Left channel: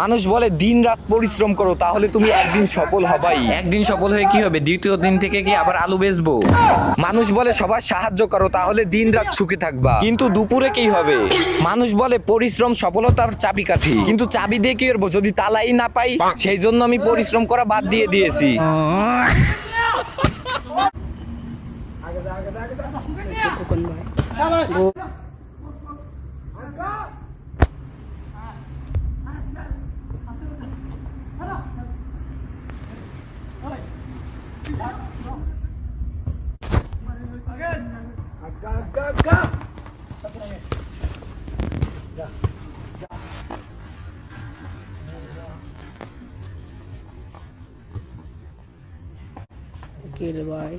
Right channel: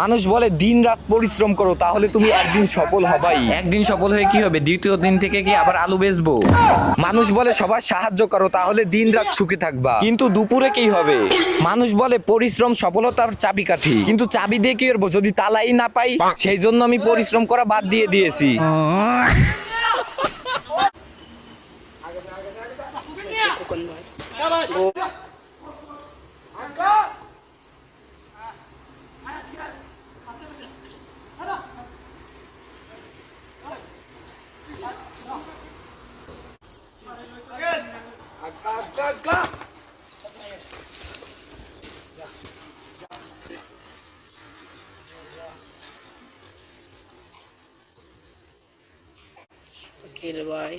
মানুষ বলে দিন রাত পরিশ্রম করো তাহলে তুমি একদিন সফল হবাই। একদিন সফল হয়ে কি হবে, দ্বিতীয় দিন থেকে কি আবার আলু বেচবো? মানুষ বলে সবার সাহায্য করো তাহলে দিন রাত সুখে থাকবা, কিন্তু দুপুরে কি হবে? মানুষ বলে পরিশ্রম সফলতার চাবিকাঠি, কিন্তু চাবি দিয়ে কি করবো যদি তালাই না পাই? সেই জন্য আমি পরিশ্রম করা বাদ দিয়ে দিয়েছি। খোকন ভাই উকিল ভাই